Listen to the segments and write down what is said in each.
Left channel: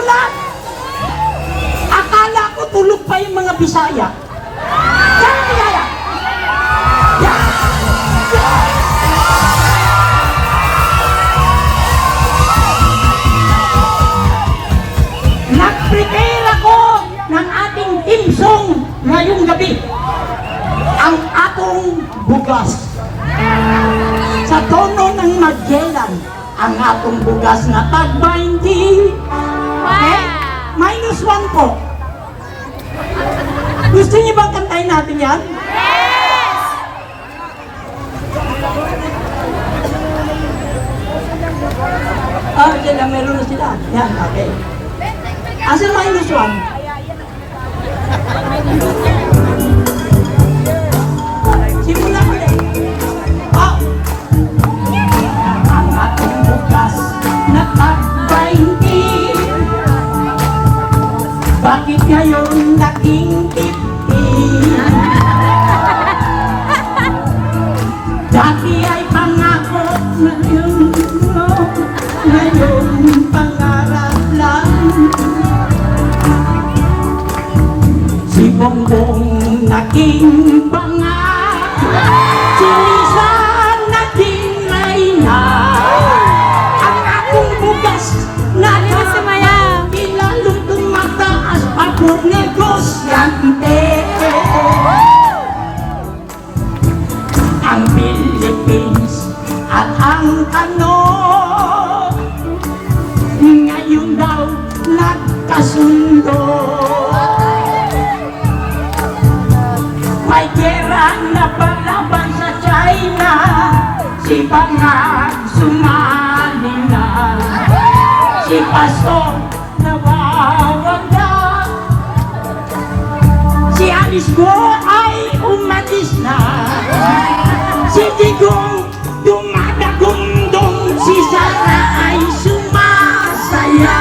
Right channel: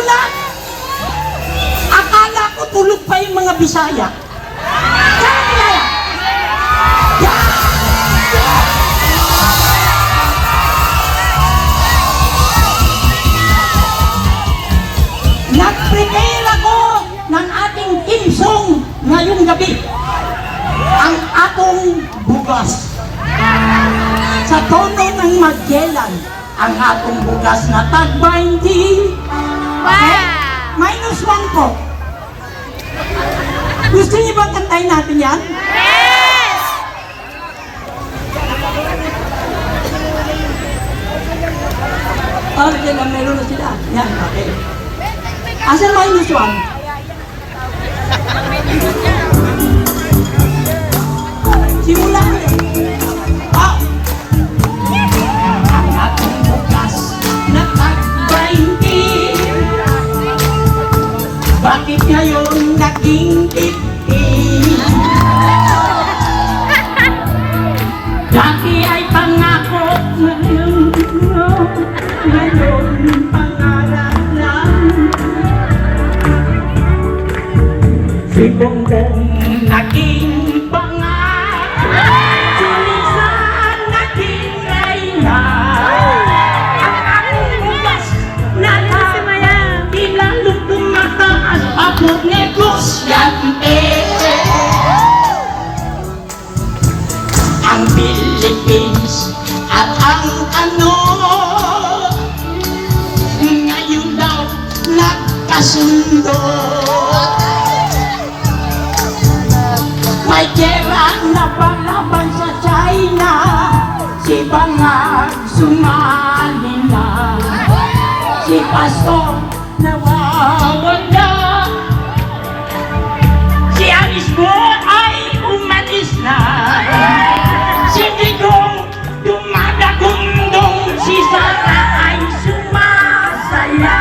nagulat. Akala ko tulog pa yung mga Bisaya. Nag-prepare ako ng ating team song ngayong gabi. Ang atong bugas. Sa tono ng Magellan, ang atong bugas na tag-20. Minus 1 po. Gusto niyo bang kantahin natin yan? Yes! Ah, dyan lang, meron na sila. Yan, okay. Asan minus 1? Simula ulit. Ah! Ang atong bukas na tag-20. Bakit ngayon naging 50? Dati ay pangako, ngayon pangarap lang. Si Bongbong naging pangako, si Lisa naging Mayna. Ang akong bukas na tag-20, lalong tumataas ang negosyante. Ang Philippines at ang ngayon daw nagkasundo. May gera na palaban sa China, si Bangag sumali na, si Pastor nawawala, si Arisbon ay umalis na, si Digong dumadagundong, si Sara ay sumasaya.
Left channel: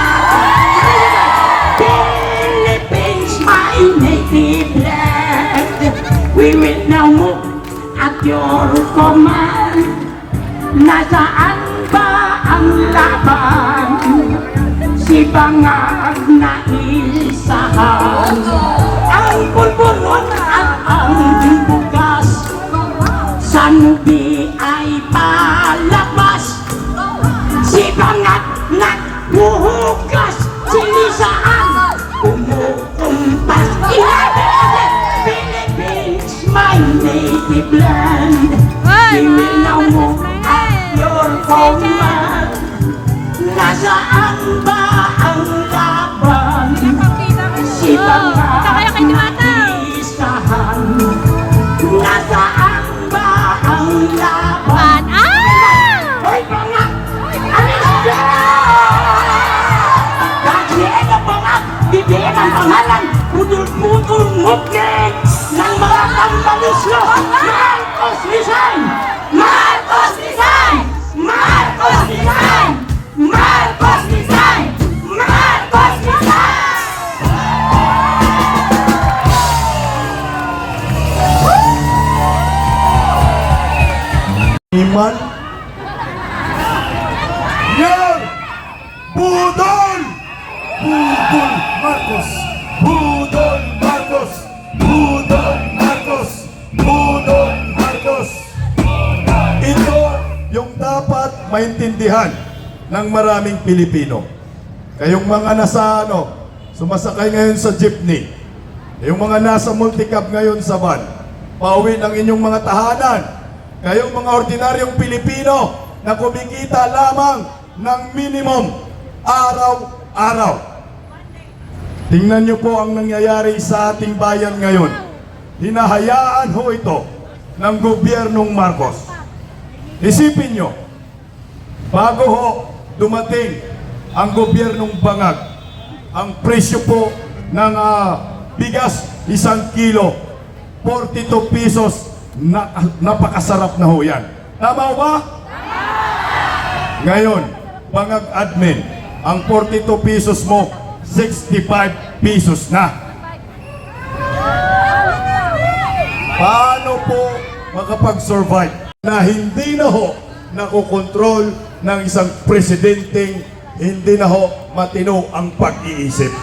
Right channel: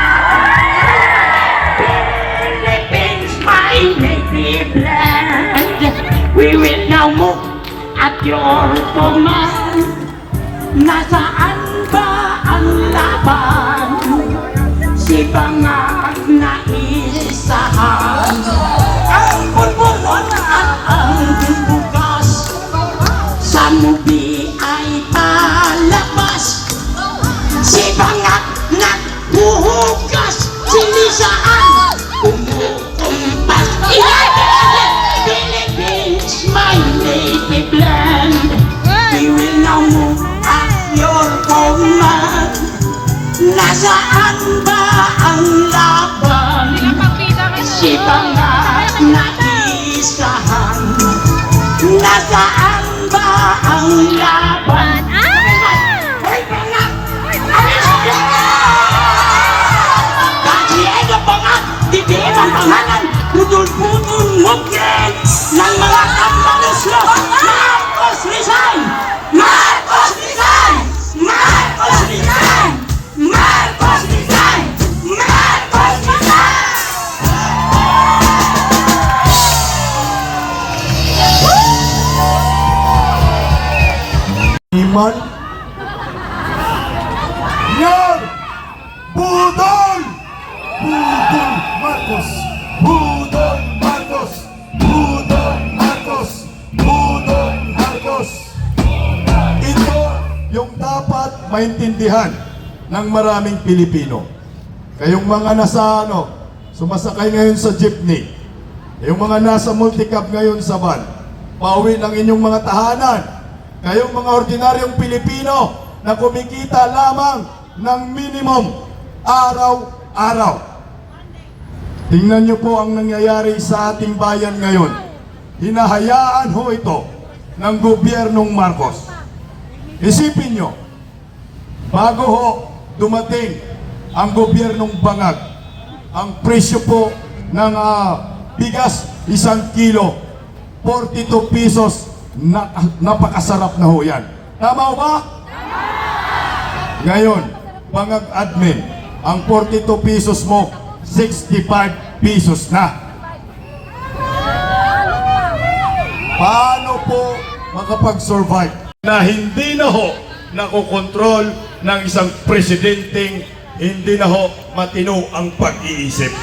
Philippines, my native land, we will now move at your command. Nasaan ba ang laban? Si Bangag na isahan. Ang pulburon at ang bukas sa nubi ay palabas. Si Bangag nagbuhugas, si Lisaan kumukumpas. Philippines, my native land, we will now move at your command. Nasaan ba ang laban? Si Bangag nag-isahan. Nasaan ba ang laban? Hoy Bangag! Alis ka! Kasi ito Bangag, didiin ang pangalan, pudul-pudul mugin ng mga tambaluslo. Marcos resign! Marcos resign! Marcos resign! Marcos resign! Marcos resign! Iman Yan Budol Budol Marcos Budol Marcos Budol Marcos Budol Marcos. Ito yung dapat maintindihan ng maraming Pilipino. Kayong mga nasa sumasakay ngayon sa jeepney, yung mga nasa multicab ngayon sa van, pauwi ng inyong mga tahanan, kayong mga ordinaryong Pilipino na kumikita lamang ng minimum araw-araw. Tingnan niyo po ang nangyayari sa ating bayan ngayon. Hinahayaan ho ito ng gobyernong Marcos. Isipin niyo, bago ho dumating ang gobyernong Bangag, ang presyo po ng bigas 1 kilo, 42 pesos, napakasarap na ho yan. Tama ba? Ngayon, Bangag admin, ang 42 pesos mo, 65 pesos na. Paano po makapag-survive na hindi na ho nakokontrol ng isang presidenteng hindi na ho matino ang pag-iisip.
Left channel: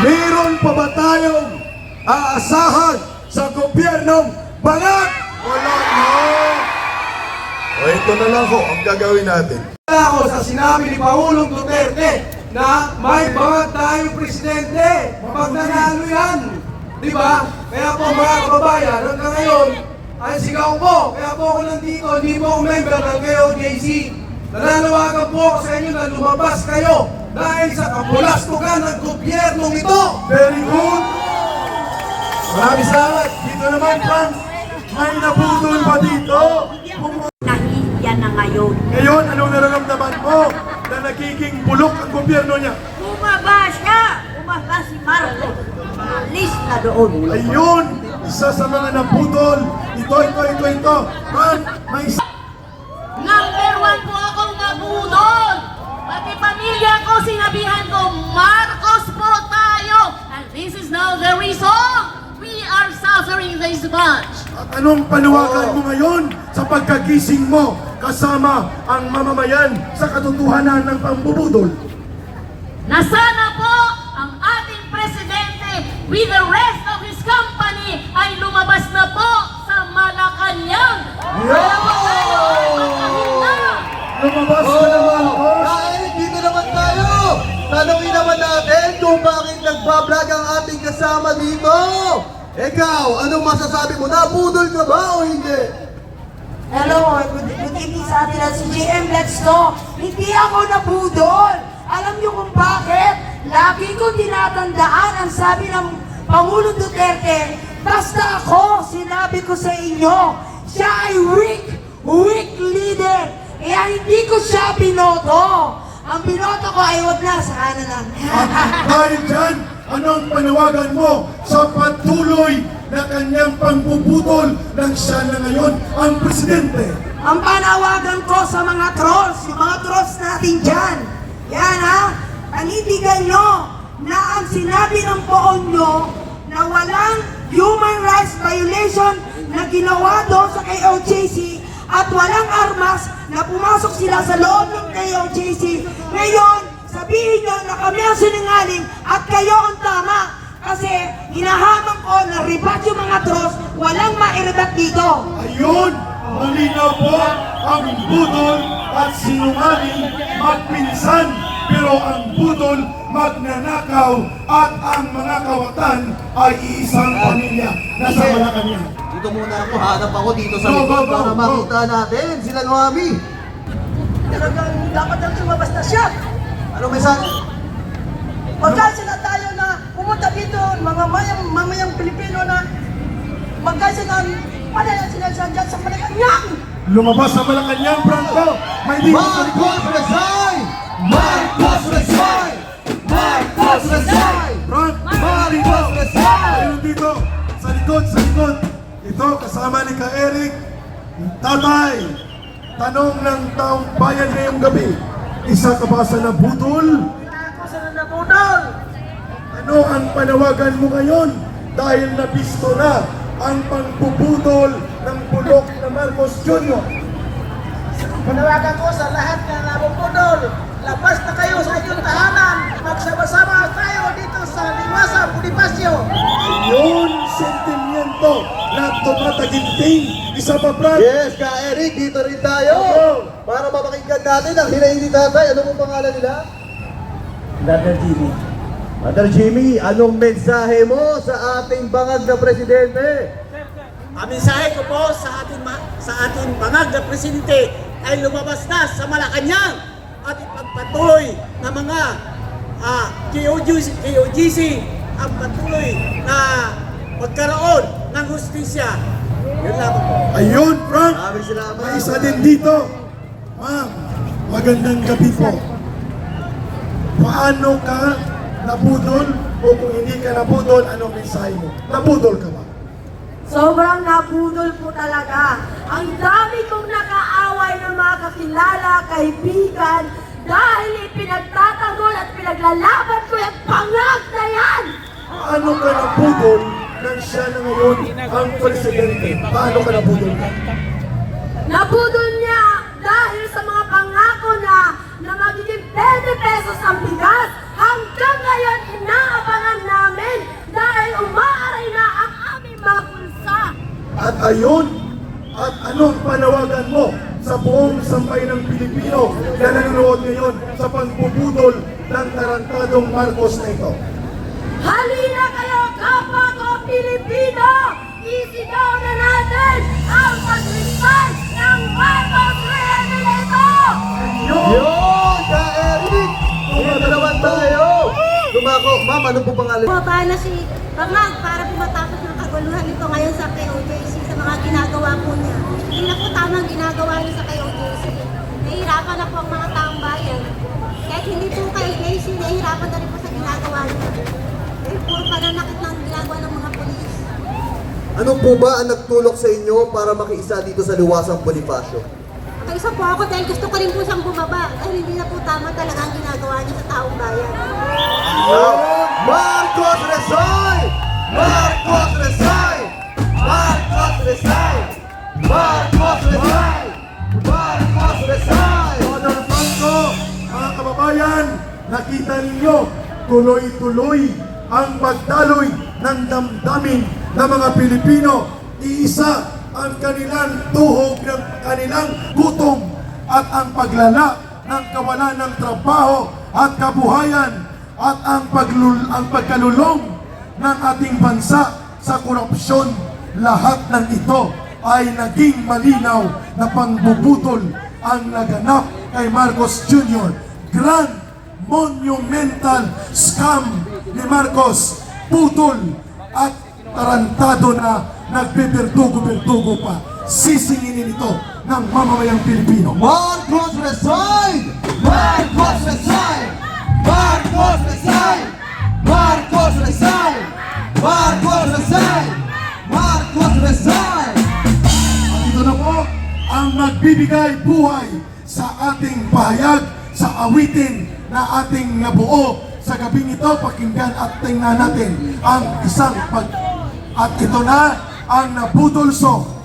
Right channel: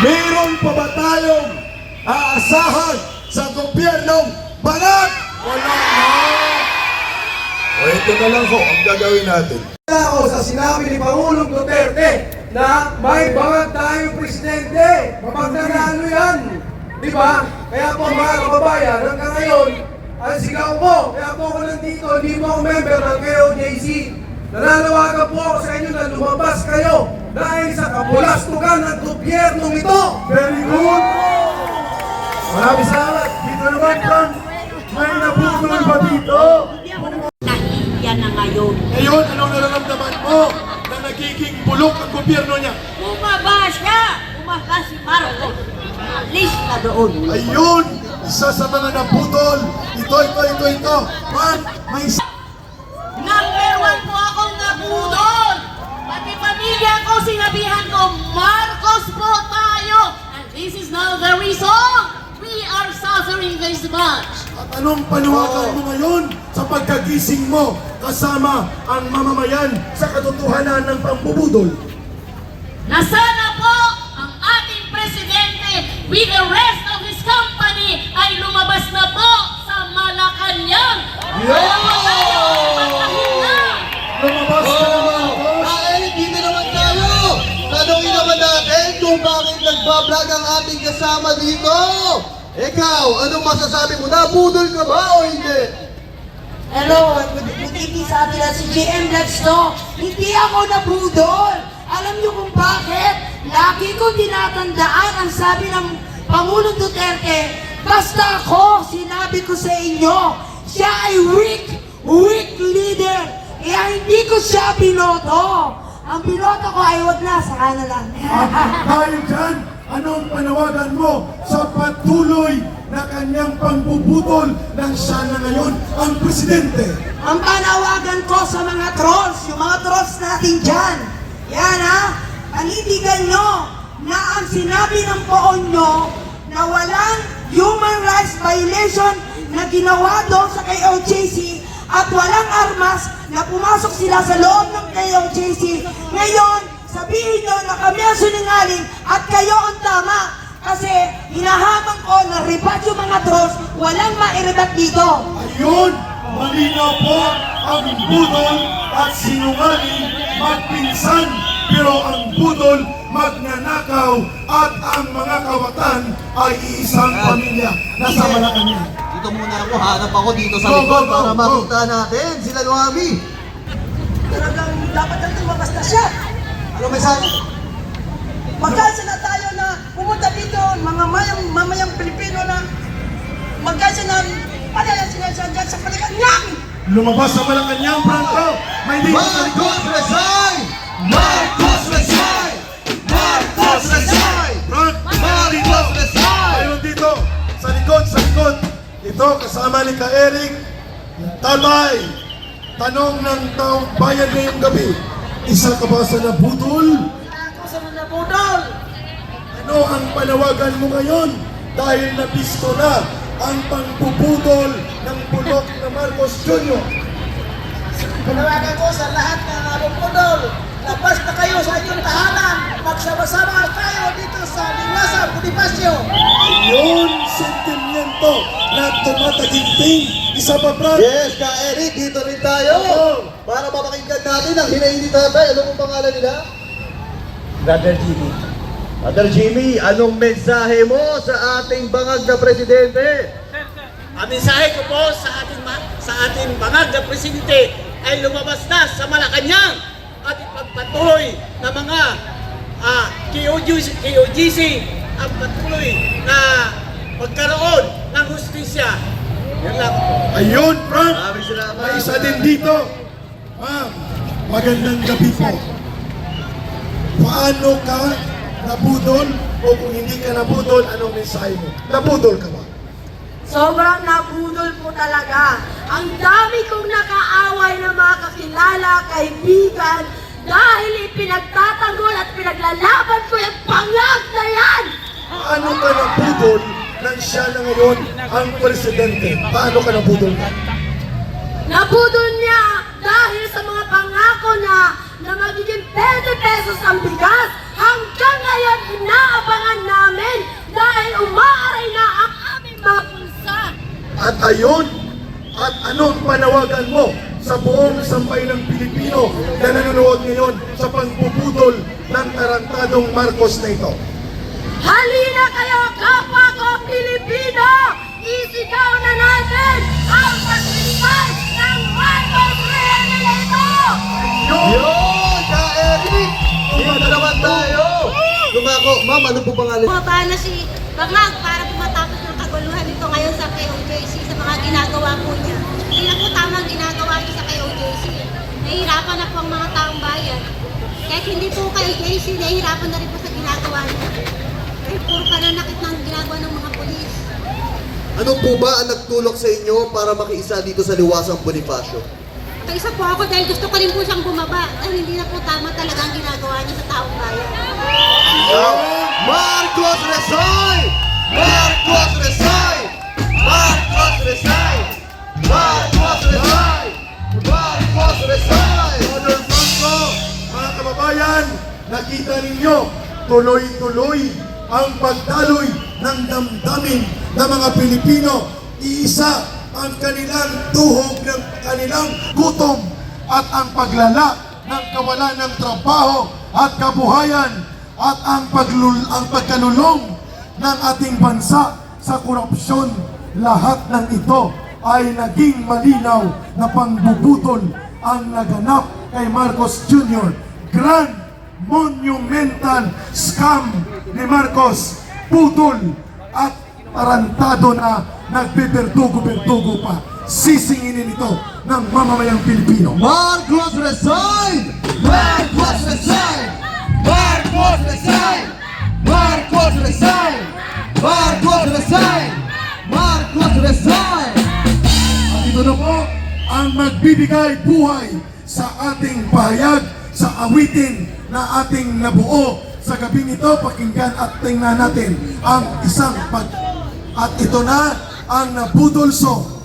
Meron pa ba tayong aasahan sa gobyernong Bangag? Wala na. O ito na lang ho ang gagawin natin. Ako sa sinabi ni Pangulong Duterte na may bangag tayong presidente. Mapagnanalo yan. Di ba? Kaya po mga kababayan, hanggang ngayon, ang sigaw ko, kaya po ako nandito, hindi po ako member ng KOJC. Nananawagan po ako sa inyo na lumabas kayo dahil sa kapulastugan ng gobyernong ito. Very good. Maraming salamat. Dito naman, Frank. May nabudol pa dito. Nahihiya na ngayon. Ngayon, anong nararamdaman mo na nagiging bulok ang gobyerno niya? Bumaba siya! Bumaba si Marcos. Alis na doon. Ayun! Isa sa mga nabudol. Ito. Frank, may Number 1 po akong nabudol! Pati pamilya ko, sinabihan ko, Marcos po tayo! And this is now the reason we are suffering this much. At anong panawagan mo ngayon sa pagkagising mo kasama ang mamamayan sa katotohanan ng pambubudol? Na sana po ang ating presidente with the rest of his company ay lumabas na po sa Malacanang. Lumabas ka naman, boss! Kahit dito naman tayo! Tanongin naman natin kung bakit nagbablog ang ating kasama dito! Ikaw, anong masasabi mo? Nabudol ka ba o hindi? Hello, good evening sa atin at si JM Blackstock. Hindi ako nabudol. Alam niyo kung bakit? Lagi kong tinatandaan ang sabi ng Pangulong Duterte, basta ako, sinabi ko sa inyo, siya ay weak leader. Kaya hindi ko siya binoto. Ang binoto ko ay wag na, sana lang. Dahil dyan, anong panawagan mo sa patuloy na kanyang pangbubudol ng siya na ngayon ang presidente? Ang panawagan ko sa mga trolls, yung mga trolls natin dyan, yan ha, panindigan nyo na ang sinabi ng poon nyo na walang human rights violation na ginawa doon sa KOJC at walang armas na pumasok sila sa loob ng KOJC. Ngayon, sabihin nyo na kami ang sinungaling at kayo ang tama. Kasi hinahamang ko na ribat yung mga trolls, walang mairibat dito. Ayun! Malinaw po ang budol at sinungaling magpinsan, pero ang budol magnanakaw at ang mga kawatan ay isang pamilya na sa Malacanang. Dito muna ako, hanap ako dito sa Go, likod go, go, para go. makita natin sila ng Ami. Talagang dapat lang lumabas na siya. Ano may sabi? Magkasa na tayo na pumunta dito, mga mamayang Pilipino na magkasa na panila sila dyan sa Malacanang. Lumabas sa Malacanang, Franco! May dito sa likod! Marcos resign! Marcos resign! Marcos resign! Frank! Marcos resign! Ayun dito! Sa likod! Ito, kasama ni Ka-Eric, Talay, tanong ng taong bayan ngayong gabi. Isa ka ba sa nabudol? Ano ang panawagan mo ngayon? Dahil nabisto na ang pangbubudol ng bulok na Marcos Jr. Panawagan ko sa lahat na nabubudol, labas na kayo sa inyong tahanan, magsama-sama tayo dito sa Liwasan, Bonifacio. Ayun, sentimiento na tumataginting. Isa pa, Frank? Yes, Ka-Eric, dito rin tayo. Para mapakinggan natin ang hinahin ni tatay. Ano pong pangalan nila? Brother Jimmy, anong mensahe mo sa ating bangag na presidente? Ang mensahe ko po sa ating bangag na presidente ay lumabas na sa Malacanang at ipagpatuloy na mga KOGC ang patuloy na magkaroon ng hustisya. Yun lang po. Ayun, Frank! Maraming salamat. May isa din dito. Ma'am, magandang gabi po. Paano ka nabudol o kung hindi ka nabudol, anong mensahe mo? Nabudol ka ba? Sobrang nabudol po talaga. Ang dami kong nakaaway ng mga kakilala, kaibigan, dahil ipinagtatanggol at pinaglalaban ko yung pangag na yan! Paano ka nabudol nang siya na ngayon ang presidente? Paano ka nabudol? Nabudol niya dahil sa At ayon, at anong panawagan mo sa buong sambayanang Pilipino na nanonood ngayon sa pagbubudol ng tarantadong Marcos na ito? Halina kayo, kapwa ko Pilipino! Isigaw na natin ang paglistay ng Marcos Rehabilitator! Yun! Ka-Eric! Iba na naman tayo! Lumako, ma'am, ano po pangalan? Bumaba na si Bangag para pumatapos ng kaguluhan nito ngayon sa KOJC sa mga ginagawa po niya. Hindi na po tama ang ginagawa niya sa KOJC. Nahihirapan na po ang mga taong bayan. Kahit hindi po KOJC, nahihirapan na rin po sa ginagawa niya. Dahil puro pananakit ng ginagawa ng mga polis. Ano po ba ang nagtulak sa inyo para makiisa dito sa Liwasang Bonifacio? Kaisa po ako dahil gusto ko rin po siyang bumaba. Dahil hindi na po tama talaga ang ginagawa niya sa taong bayan. Marcos resign! Marcos resign! Marcos resign! Marcos resign! Marcos resign! Donald Blanco, mga kababayan, nakita ninyo, tuloy-tuloy ang pagdaloy ng damdamin ng mga Pilipino. Iisa ang kanilang tuhog ng kanilang gutom at ang paglala ng kawalan ng trabaho at kabuhayan at ang pagkalulong ng ating bansa sa korupsyon. Lahat ng ito ay naging malinaw na pangbubutol ang naganap kay Marcos Jr. Grand monumental scam ni Marcos, putol at tarantado na nagbiberdugo-berdugo pa. Sisinginin ito ng mamamayang Pilipino. Marcos resign! Marcos resign! Marcos resign! Marcos resign! Marcos resign! Marcos resign! At ito na po ang magbibigay buhay sa ating pahayag, sa awitin na ating nabuo sa gabi nito. Pakinggan at tingnan natin ang isang at ito na ang nabudulso